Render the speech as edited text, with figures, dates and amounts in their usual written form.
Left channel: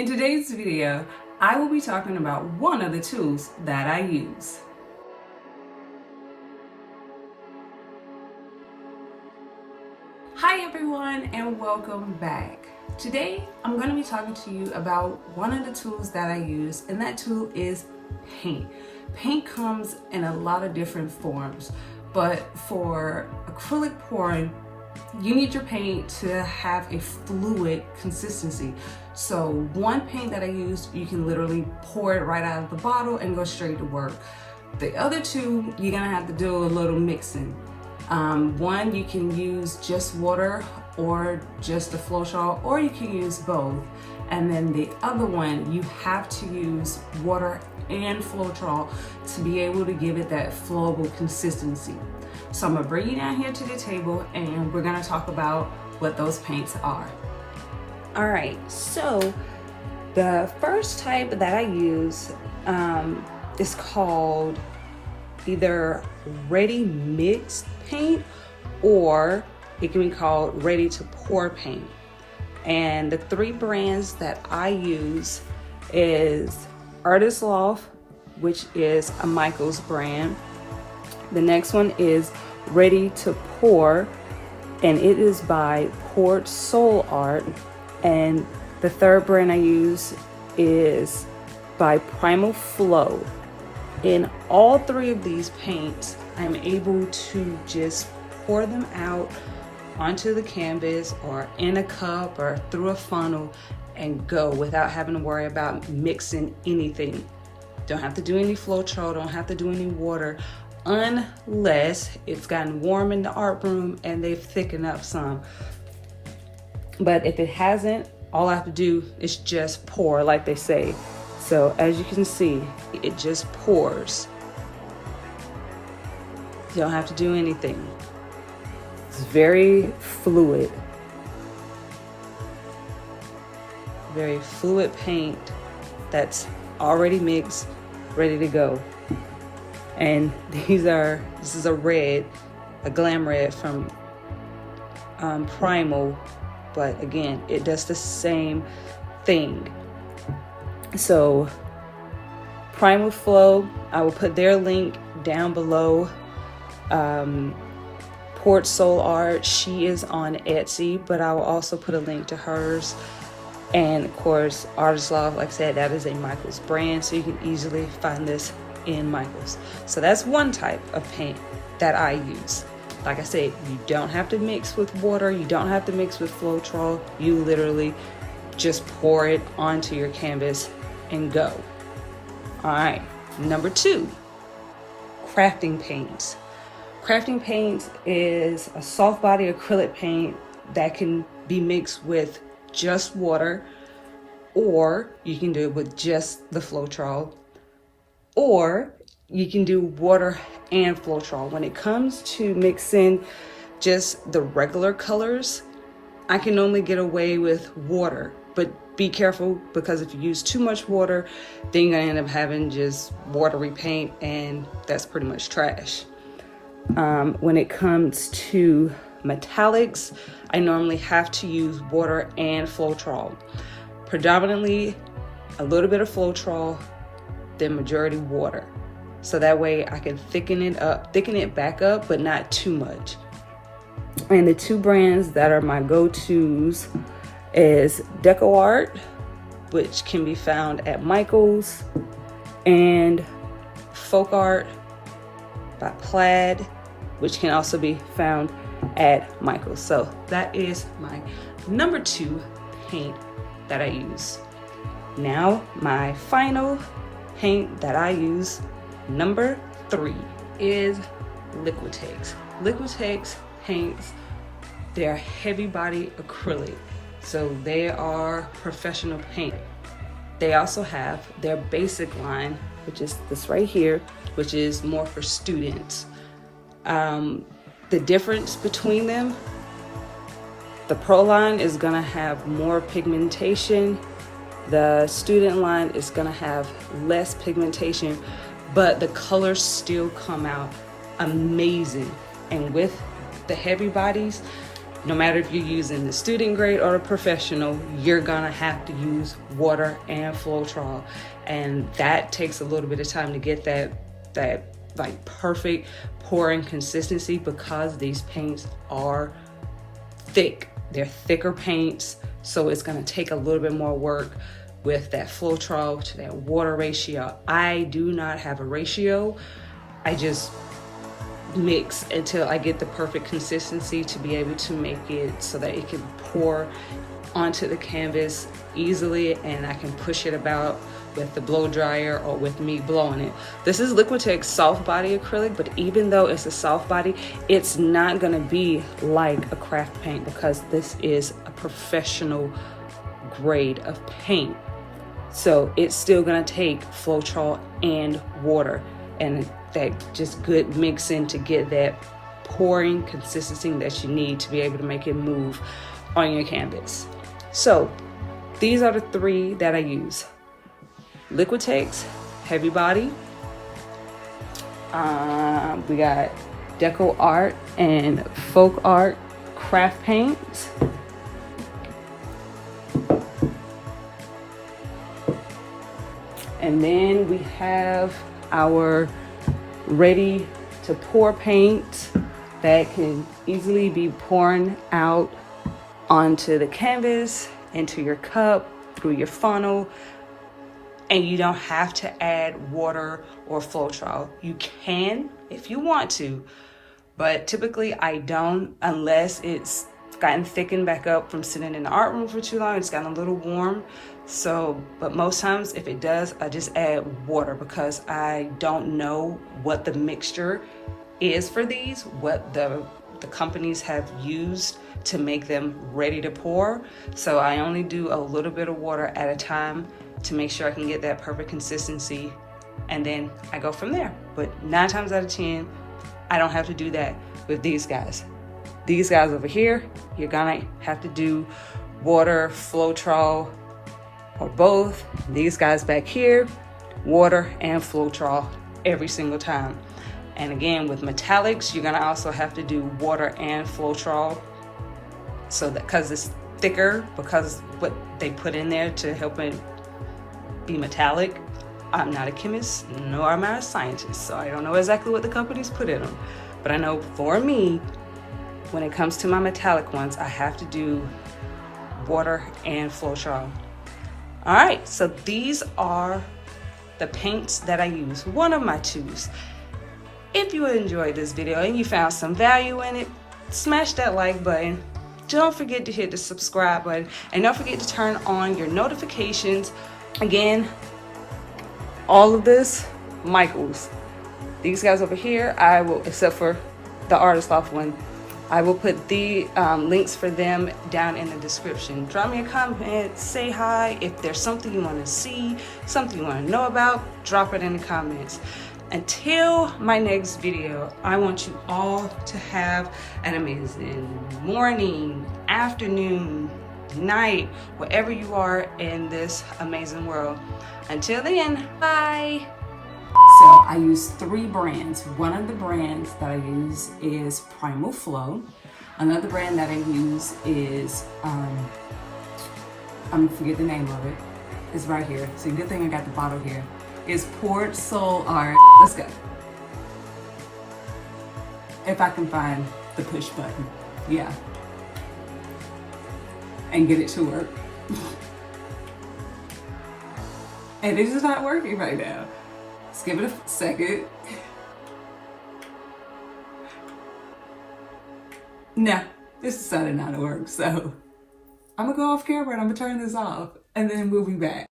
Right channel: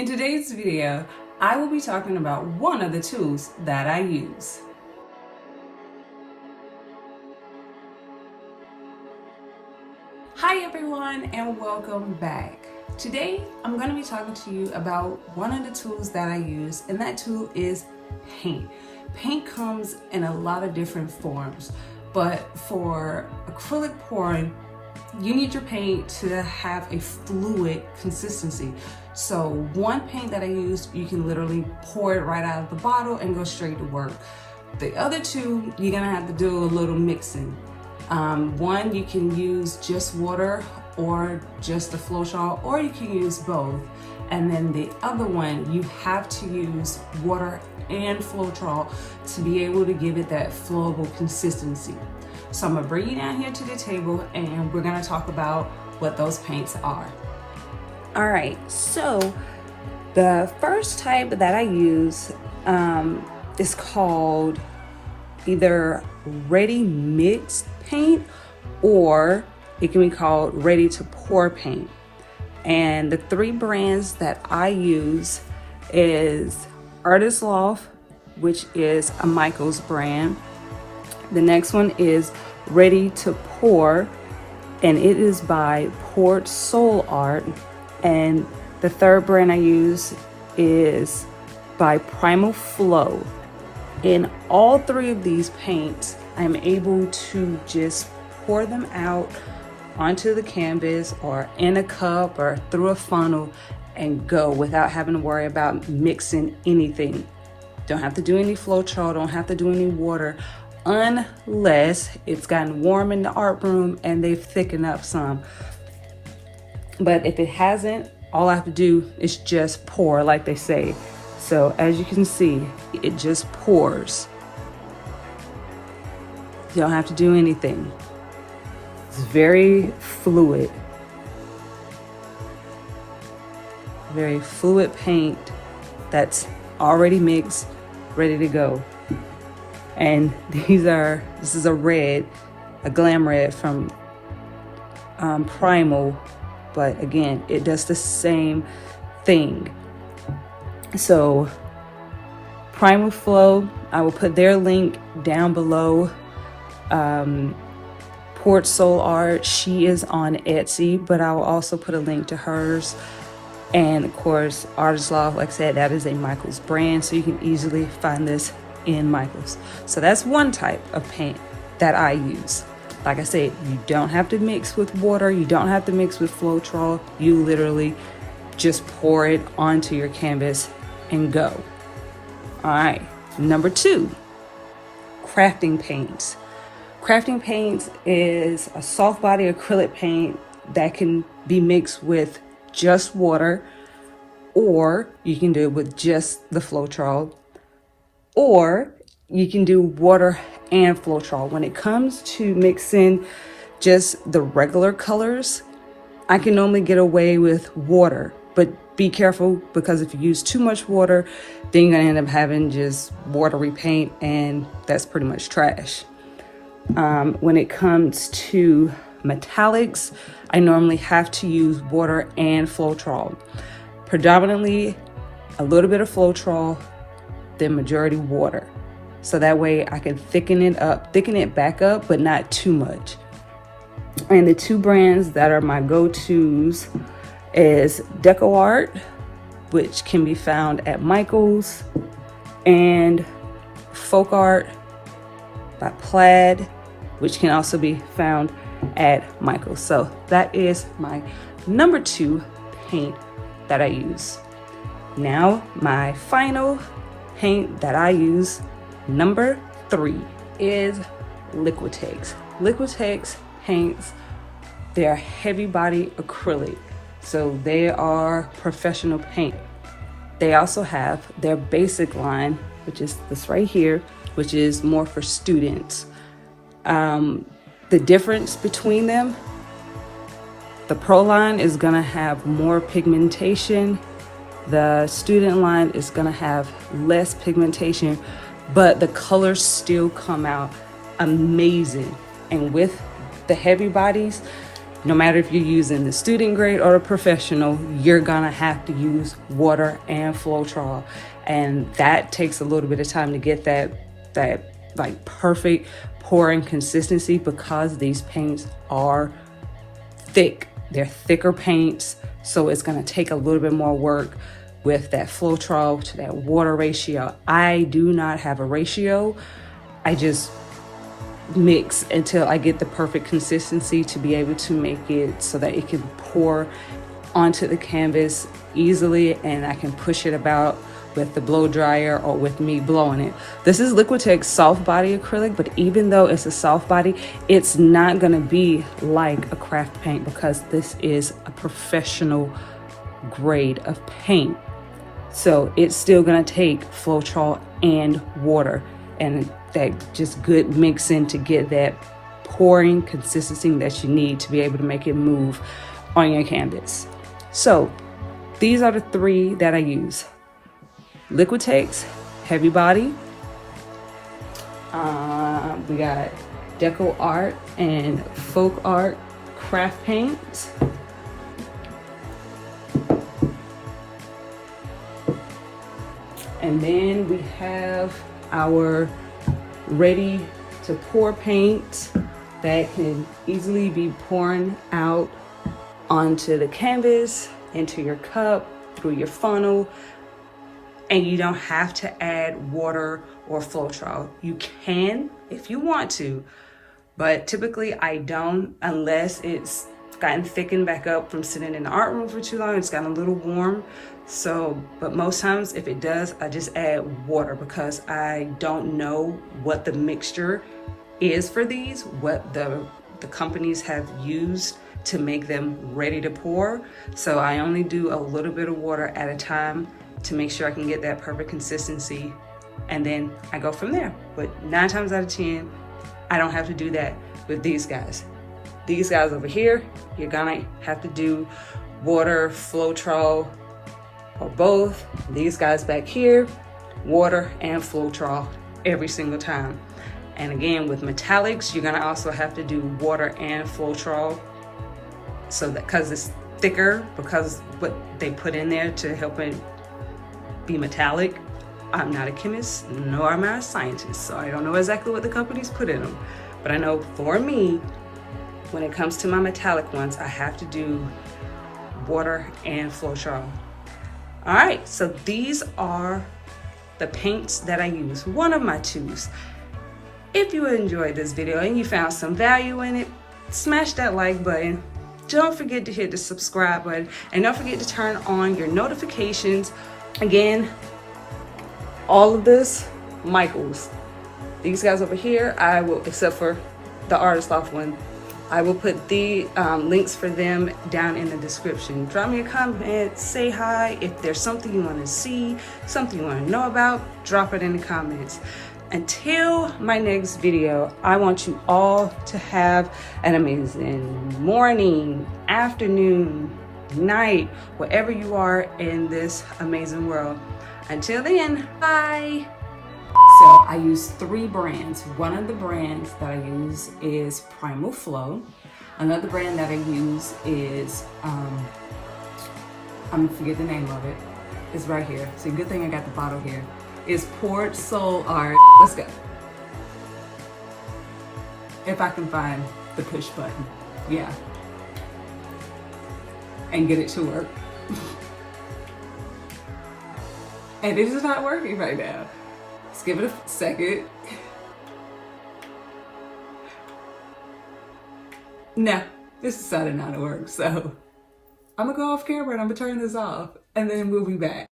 In today's video, I will be talking about one of the tools that I use. Hi everyone and welcome back. Today, I'm going to be talking to you about one of the tools that I use, and that tool is paint. Paint comes in a lot of different forms, but for acrylic pouring, you need your paint to have a fluid consistency. So one paint that I use, you can literally pour it right out of the bottle and go straight to work. The other two, you're gonna have to do a little mixing. One, you can use just water or just a Floetrol, or you can use both. And then the other one, you have to use water and Floetrol to be able to give it that flowable consistency. So I'm gonna bring you down here to the table and we're gonna talk about what those paints are. All right, so the first type that I use is called either ready mixed paint, or it can be called ready to pour paint. And the three brands that I use is Loft, which is a Michael's brand. The next one is Ready to Pour, and it is by Folkart. And the third brand I use is by Primal. In all three of these paints, I'm able to just pour them out onto the canvas or in a cup or through a funnel and go without having to worry about mixing anything. Don't have to do any Floetrol, don't have to do any water, unless it's gotten warm in the art room and they've thickened up some. But if it hasn't, all I have to do is just pour, like they say. So as you can see, it just pours. You don't have to do anything. It's very fluid. Very fluid paint that's already mixed, ready to go. And this is a red, a glam red from Primal, but again, it does the same thing. So Primal Flow, I will put their link down below. Folkart, she is on Etsy, but I will also put a link to hers. And of course, Loft, like I said, that is a Michael's brand, so you can easily find this in Michael's. So that's one type of paint that I use. Like I said, you don't have to mix with water, you don't have to mix with Floetrol, you literally just pour it onto your canvas and go. All right, number two, crafting paints. Crafting paints is a soft body acrylic paint that can be mixed with just water, or you can do it with just the Floetrol, or you can do water and Floetrol. When it comes to mixing just the regular colors, I can only get away with water, but be careful, because if you use too much water, then you're gonna end up having just watery paint, and that's pretty much trash. When it comes to metallics, I normally have to use water and Floetrol. Predominantly a little bit of Floetrol, then majority water. So that way I can thicken it back up, but not too much. And the two brands that are my go-tos is DecoArt, which can be found at Michael's, and Folkart by Plaid, which can also be found at Michael's. So that is my number two paint that I use. Now my final paint that I use, number three, is LIquitex. LIquitex paints, they're heavy body acrylic, so they are professional paint. They also have their basic line, which is this right here, which is more for students. The difference between them, the pro line is gonna have more pigmentation. The student line is gonna have less pigmentation, but the colors still come out amazing. And with the heavy bodies, no matter if you're using the student grade or the professional, you're gonna have to use water and Floetrol. And that takes a little bit of time to get that like perfect pouring consistency, because these paints are thick. They're thicker paints, so it's gonna take a little bit more work with that Floetrol to that water ratio. I do not have a ratio. I just mix until I get the perfect consistency to be able to make it so that it can pour onto the canvas easily, and I can push it about with the blow dryer or with me blowing it. This is LIquitex soft body acrylic, but even though it's a soft body, it's not gonna be like a craft paint, because this is a professional grade of paint. So it's still gonna take Floetrol and water, and that just good mixing to get that pouring consistency that you need to be able to make it move on your canvas. So these are the three that I use. LIquitex heavy body. We got DecoArt and Folkart craft paints. And then we have our ready to pour paint that can easily be pouring out onto the canvas, into your cup, through your funnel. And you don't have to add water or Floetrol. You can if you want to, but typically I don't, unless it's gotten thickened back up from sitting in the art room for too long. It's gotten a little warm. So, but most times if it does, I just add water, because I don't know what the mixture is for these, what the companies have used to make them ready to pour. So I only do a little bit of water at a time to make sure I can get that perfect consistency, and then I go from there. But 9 times out of 10, I don't have to do that with these guys. These guys over here, you're gonna have to do water, Floetrol, or both. These guys back here, water and Floetrol every single time. And again, with metallics, you're gonna also have to do water and Floetrol, so that, because it's thicker, because what they put in there to help it be metallic. I'm not a chemist, nor am I a scientist, so I don't know exactly what the companies put in them. But I know for me, when it comes to my metallic ones, I have to do water and Floetrol. All right, so these are the paints that I use, one of my twos. If you enjoyed this video and you found some value in it, smash that like button. Don't forget to hit the subscribe button, and don't forget to turn on your notifications. Again, all of this, Michaels. These guys over here, I will, except for the Artist Loft one, I will put the links for them down in the description. Drop me a comment, say hi. If there's something you want to see, something you want to know about, drop it in the comments. Until my next video, I want you all to have an amazing morning, afternoon, night, wherever you are in this amazing world. Until then, bye. So I use 3 brands. One of the brands that I use is Primal Flow. Another brand that I use is, I'm gonna forget the name of it. It's right here. So good thing I got the bottle here. Is Poured Soul Art. Let's go. If I can find the push button. Yeah. And get it to work. And it is not working right now. Let's give it a second. No, this decided not to work. So I'm gonna go off camera and I'm gonna turn this off, and then we'll be back.